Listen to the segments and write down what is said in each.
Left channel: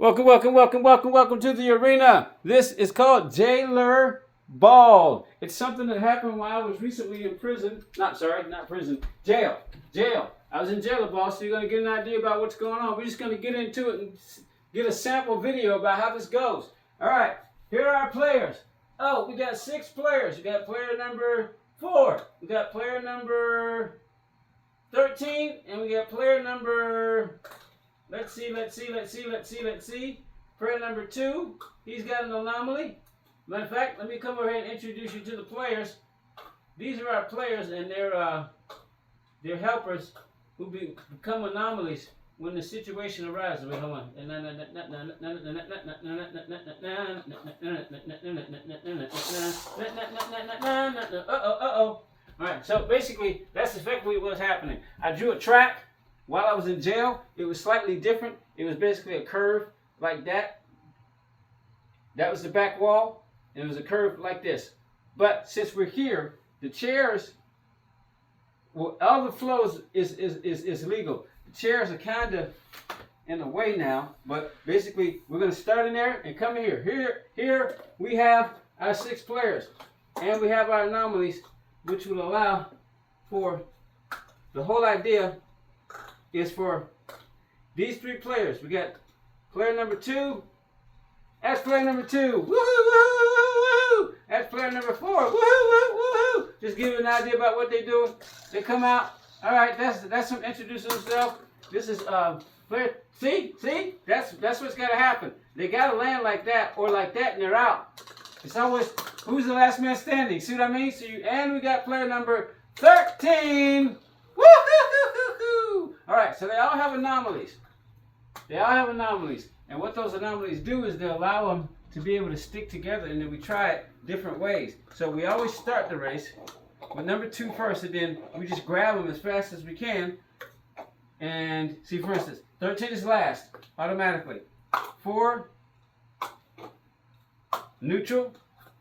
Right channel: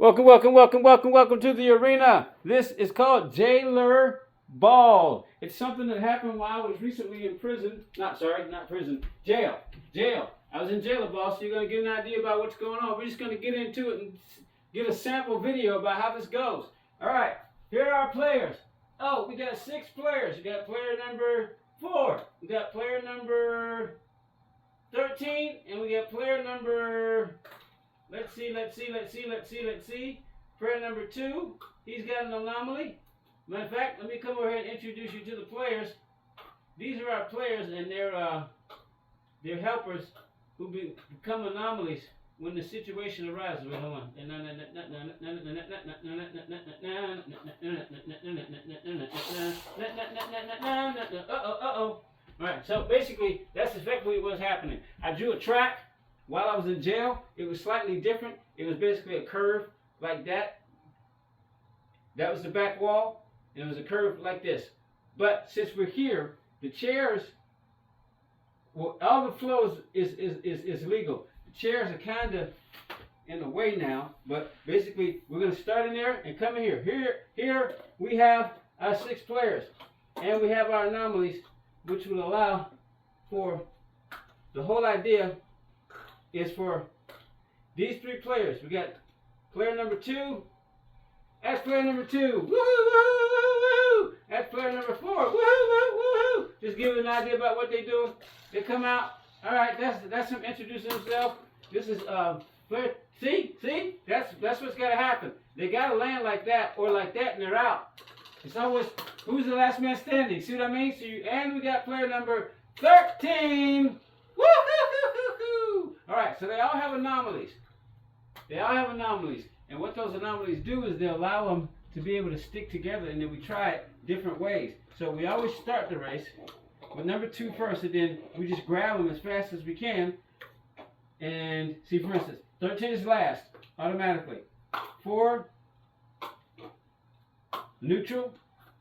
Welcome to the arena. This is called Jayleroll. It's something that happened while I was recently in prison. Not prison. Jail. I was in Jayleroll, so you're going to get an idea about what's going on. We're just going to get into it and get a sample video about how this goes. All right, here are our players. Oh, we got 6 players. We got player number 4. We got player number 13, and we got player number... Let's see. Player number 2, he's got an anomaly. Matter of fact, let me come over here and introduce you to the players. These are our players, and they're helpers who become anomalies when the situation arises. Wait, hold on. Uh-oh. All right, so basically, that's effectively what's happening. I drew a track. While I was in jail, it was slightly different. It was basically a curve like that. That was the back wall, and it was a curve like this. But since we're here, the chairs, well, all the flows is legal. The chairs are kind of in the way now, but basically we're going to start in there and come here. Here we have our 6 players, and we have our anomalies, which will allow for the whole idea is for these 3 players. We got player number 2. That's player number 2. Woohoo! That's player number 4. Woohoo! Just give you an idea about what they do. They come out. All right, that's them introducing themselves. This is player. See? That's what's got to happen. They got to land like that or like that, and they're out. It's always who's the last man standing. See what I mean? And we got player number 13. Woo-hoo-hoo-hoo-hoo! All right, so they all have anomalies. And what those anomalies do is they allow them to be able to stick together, and then we try it different ways. So we always start the race with number 2 first, and then we just grab them as fast as we can. And see, for instance, 13 is last, automatically. 4, neutral,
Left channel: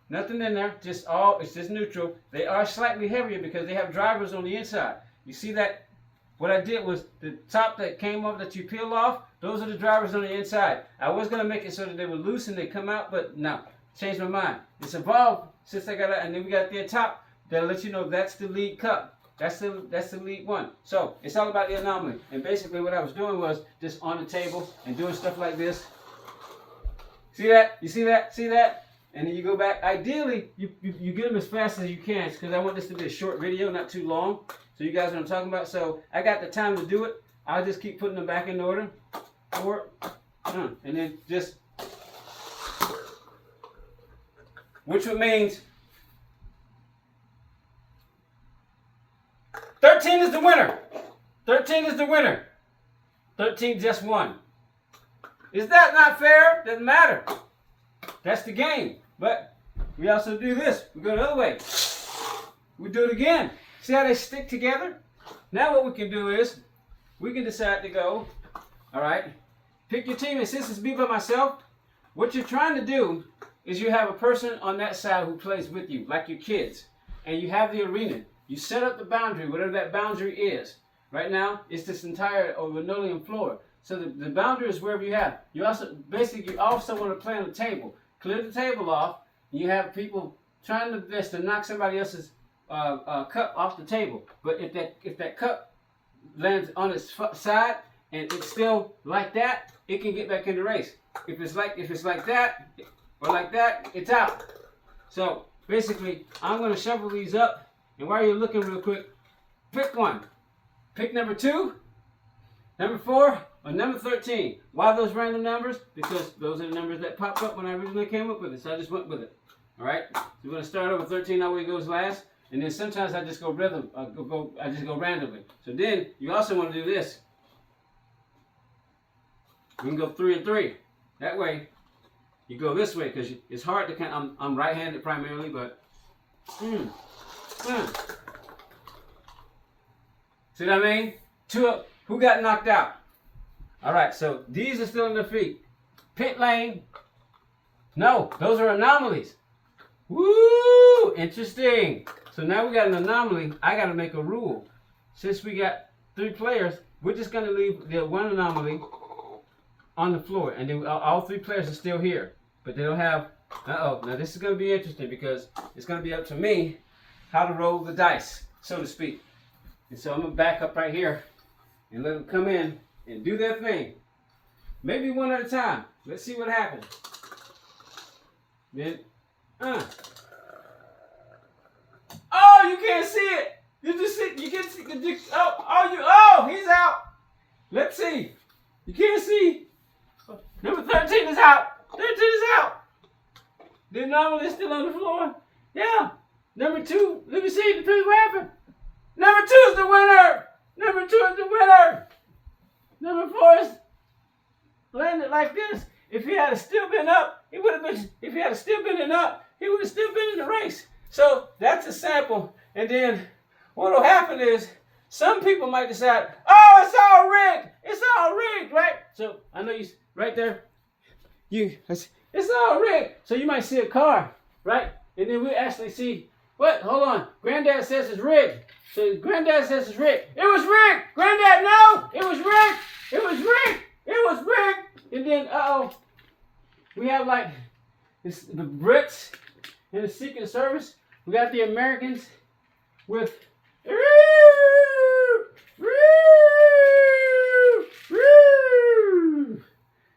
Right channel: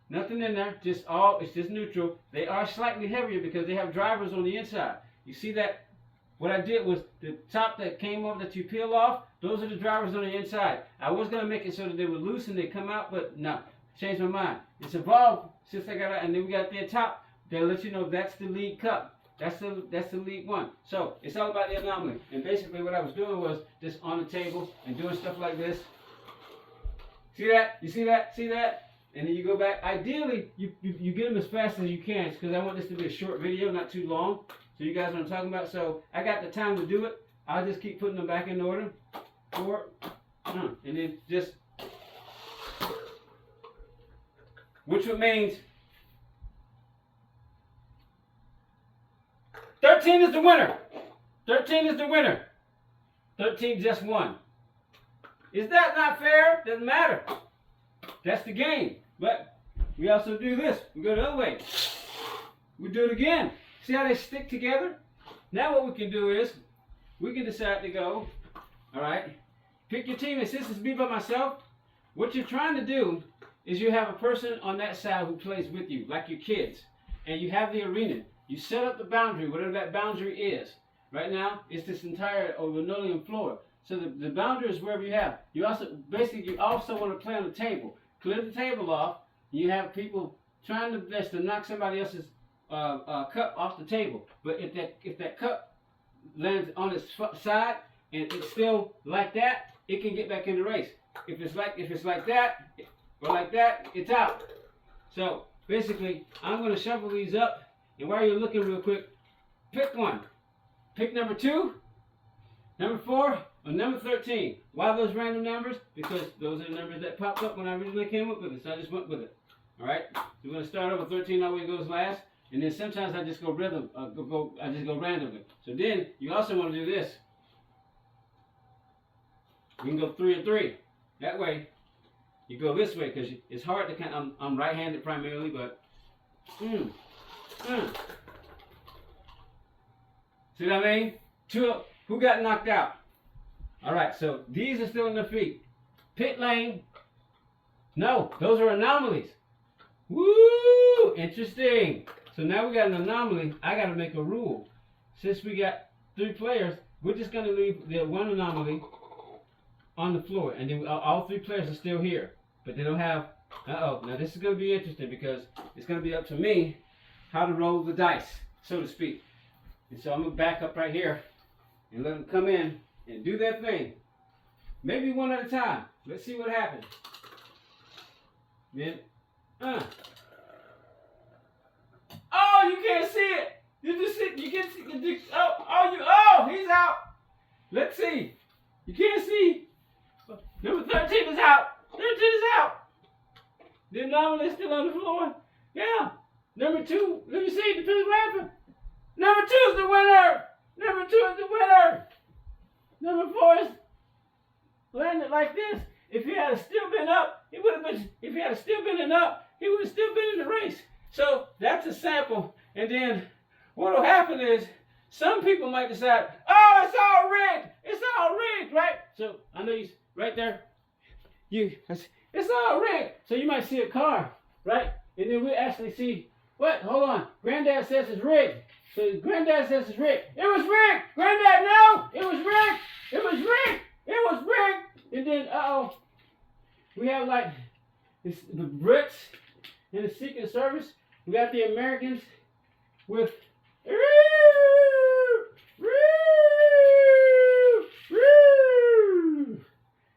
nothing in there, it's just neutral. They are slightly heavier because they have drivers on the inside. You see that? What I did was the top that came up that you peel off, those are the drivers on the inside. I was going to make it so that they were loose and they come out, but no, changed my mind. It's evolved since I got it, and then we got the top that lets you know that's the lead cup. That's the lead one. So it's all about the anomaly. And basically what I was doing was just on the table and doing stuff like this. See that? You see that? See that? And then you go back. Ideally, you get them as fast as you can because I want this to be a short video, not too long. So you guys know what I'm talking about. So I got the time to do it. I'll just keep putting them back in order. 4, and then just, which means 13 is the winner. 13 is the winner. 13 just won. Is that not fair? Doesn't matter. That's the game. But we also do this. We go the other way. We do it again. See how they stick together? Now what we can do is, we can decide to go, all right, pick your team. And since it's me by myself, what you're trying to do is you have a person on that side who plays with you, like your kids. And you have the arena. You set up the boundary, whatever that boundary is. Right now, it's this entire linoleum floor. So the boundary is wherever you have. You also want to play on the table. Clear the table off. You have people trying their best to knock somebody else's cup off the table. But if that cup lands on its side and it's still like that, it can get back in the race. If it's like that or like that, it's out. So basically, I'm going to shuffle these up, and while you're looking real quick, pick one. Pick number 2, number 4, or number 13. Why those random numbers? Because those are the numbers that popped up when I originally came up with it, so I just went with it. All right. So we're going to start over 13 all the way goes last. And then sometimes I just go random. I just go randomly. So then you also want to do this. We can go 3 and 3. That way, you go this way because it's hard to count. I'm right-handed primarily, but see what I mean? 2 up. Who got knocked out? All right. So these are still in their feet. Pit lane. No, those are anomalies. Woo! Interesting. So now we got an anomaly. I got to make a rule. Since we got 3 players, we're just going to leave the one anomaly on the floor, and then all 3 players are still here, but they don't have. Now this is going to be interesting because it's going to be up to me how to roll the dice, so to speak. And so I'm going to back up right here and let them come in and do their thing. Maybe one at a time. Let's see what happens. Then, oh, you can't see it. You just see. You can see. He's out. Let's see. You can't see. Number 13 is out. 13 is out. The anomaly is still on the floor. Yeah. Number 2. Let me see. Depends what happened. Number 2 is the winner. Number 2 is the winner. Number 4 is landed like this. If he had still been up, he would have been. If he had still been up, he would have still been in the race. So that's a sample. And then what will happen is some people might decide, oh, it's all rigged. It's all rigged, right? So I know you right there. It's all rigged. So you might see a car, right? And then we actually see what? Hold on. Granddad says it's rigged. So Granddad says it's rigged. It was rigged. Granddad, no, it was rigged. It was rigged. It was rigged. And then, we have like the Brits and the Secret Service. We got the Americans with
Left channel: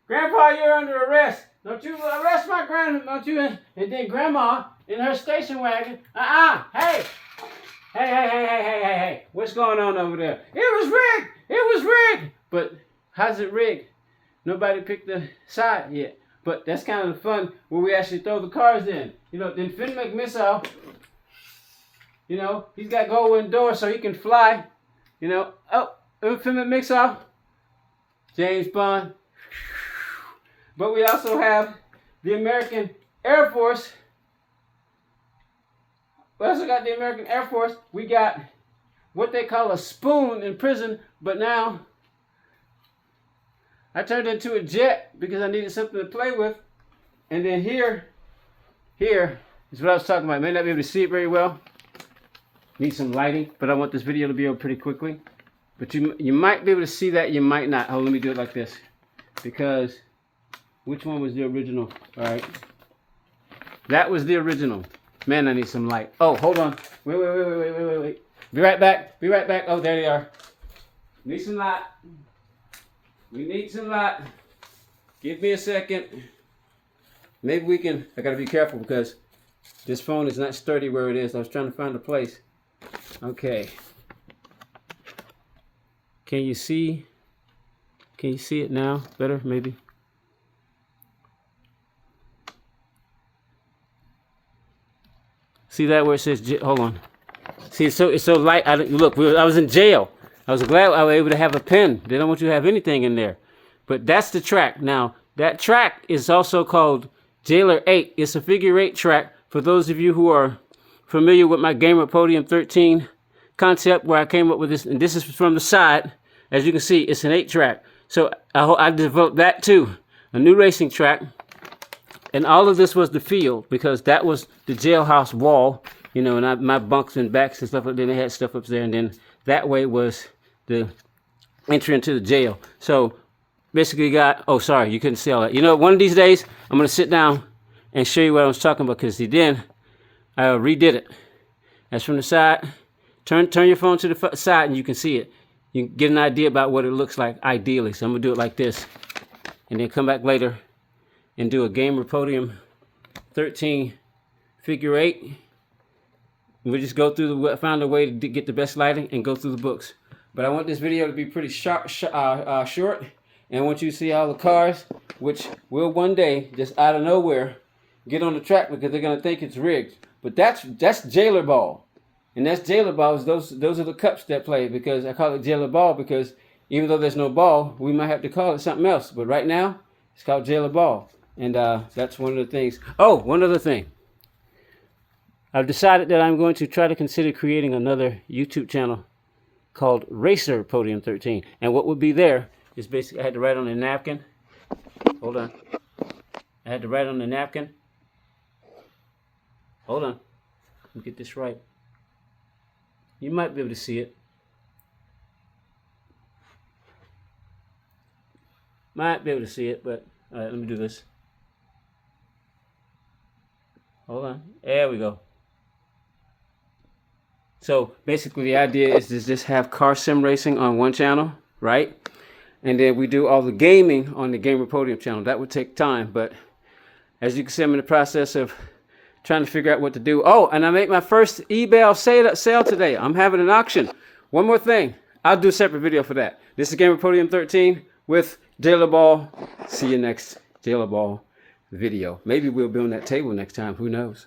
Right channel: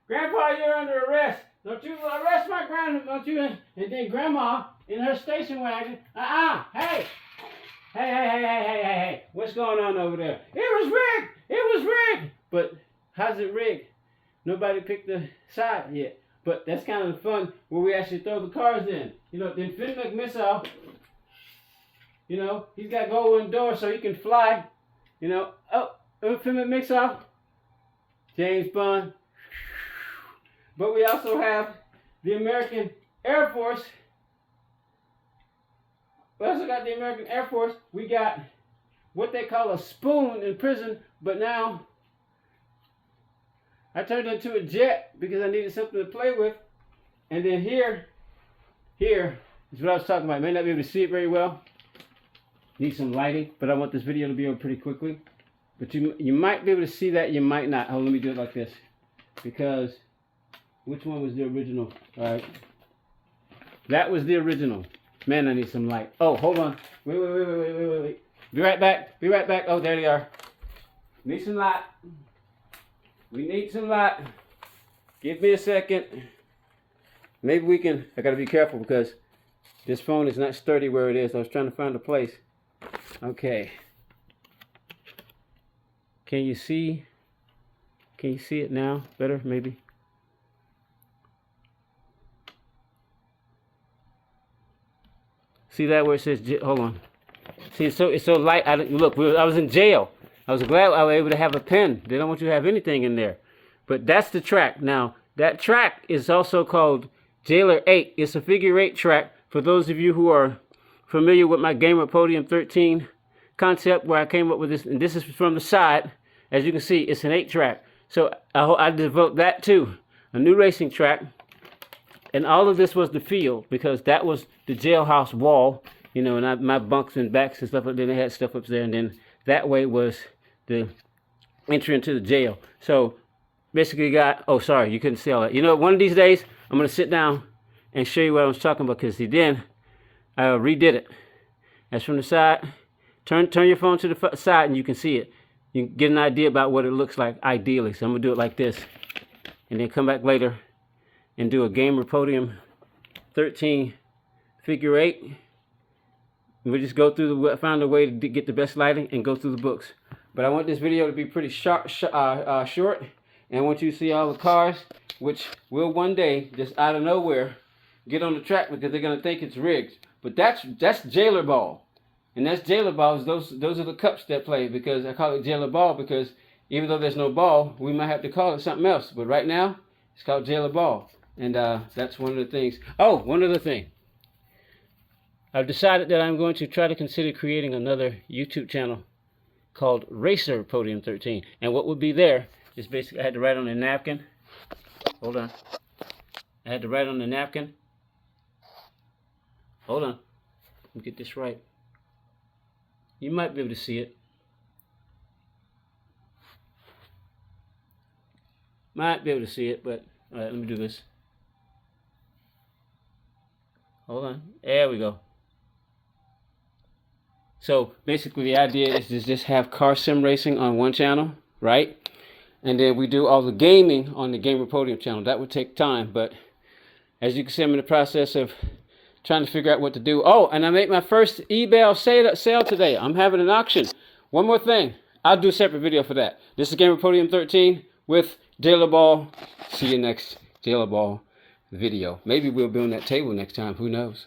Grandpa, you're under arrest. Don't you arrest my grandma, don't you? And then Grandma in her station wagon. Hey. Hey. What's going on over there? It was rigged. It was rigged. But how's it rigged? Nobody picked the side yet. But that's kind of the fun where we actually throw the cars in. You know, then Finn McMissile, you know, he's got gold doors so he can fly. You know, Finn McMissile, James Bond. But we also have the American Air Force. We also got the American Air Force. We got what they call a spoon in prison, but now I turned into a jet because I needed something to play with. And then here is what I was talking about. I may not be able to see it very well. Need some lighting, but I want this video to be over pretty quickly. But you might be able to see that, you might not. Oh, let me do it like this. Because which one was the original? All right. That was the original. Man, I need some light. Oh, hold on. Wait. Be right back. Oh, there they are. Need some light. We need some light. Give me a second. Maybe we can. I gotta be careful because this phone is not sturdy where it is. I was trying to find a place. Okay. Can you see? Can you see it now? Better, maybe. See that where it says? Hold on. See, it's so light. Look, I was in jail. I was glad I was able to have a pen. They don't want you to have anything in there. But that's the track. Now, that track is also called Jayleroll 8. It's a figure 8 track. For those of you who are familiar with my Gamer Podium 13 concept where I came up with this, and this is from the side. As you can see, it's an 8 track. So I developed that too. A new racing track. And all of this was the field because that was the jailhouse wall. You know, and my bunks and backs and stuff. Then they had stuff up there, and then that way was the entry into the jail. So basically oh, sorry, you couldn't see all that. You know, one of these days, I'm going to sit down and show you what I was talking about because then I redid it. That's from the side. Turn your phone to the side and you can see it. You can get an idea about what it looks like ideally. So I'm going to do it like this. And then come back later and do a Gamer Podium 13 figure 8. We just go through found a way to get the best lighting and go through the books. But I want this video to be pretty short, and I want you to see all the cars, which will one day, just out of nowhere, get on the track because they're gonna think it's rigged. But that's Jayleroll, and that's Jayleroll. Those are the cups that play because I call it Jayleroll because even though there's no ball, we might have to call it something else. But right now, it's called Jayleroll, and that's one of the things. Oh, one other thing. I've decided that I'm going to try to consider creating another YouTube channel called Racer Podium 13. And what would be there is basically I had to write on a napkin. Hold on. I had to write on the napkin. Hold on. Let me get this right. You might be able to see it. Might be able to see it, but all right, let me do this. Hold on. There we go. So basically the idea is to just have car sim racing on one channel, right? And then we do all the gaming on the Gamer Podium channel. That would take time, but as you can see, I'm in the process of trying to figure out what to do. Oh, and I made my first eBay sale today. I'm having an auction. One more thing. I'll do a separate video for that. This is Gamer Podium 13 with Jayleroll. See you next Jayleroll video. Maybe we'll be on that table next time. Who knows?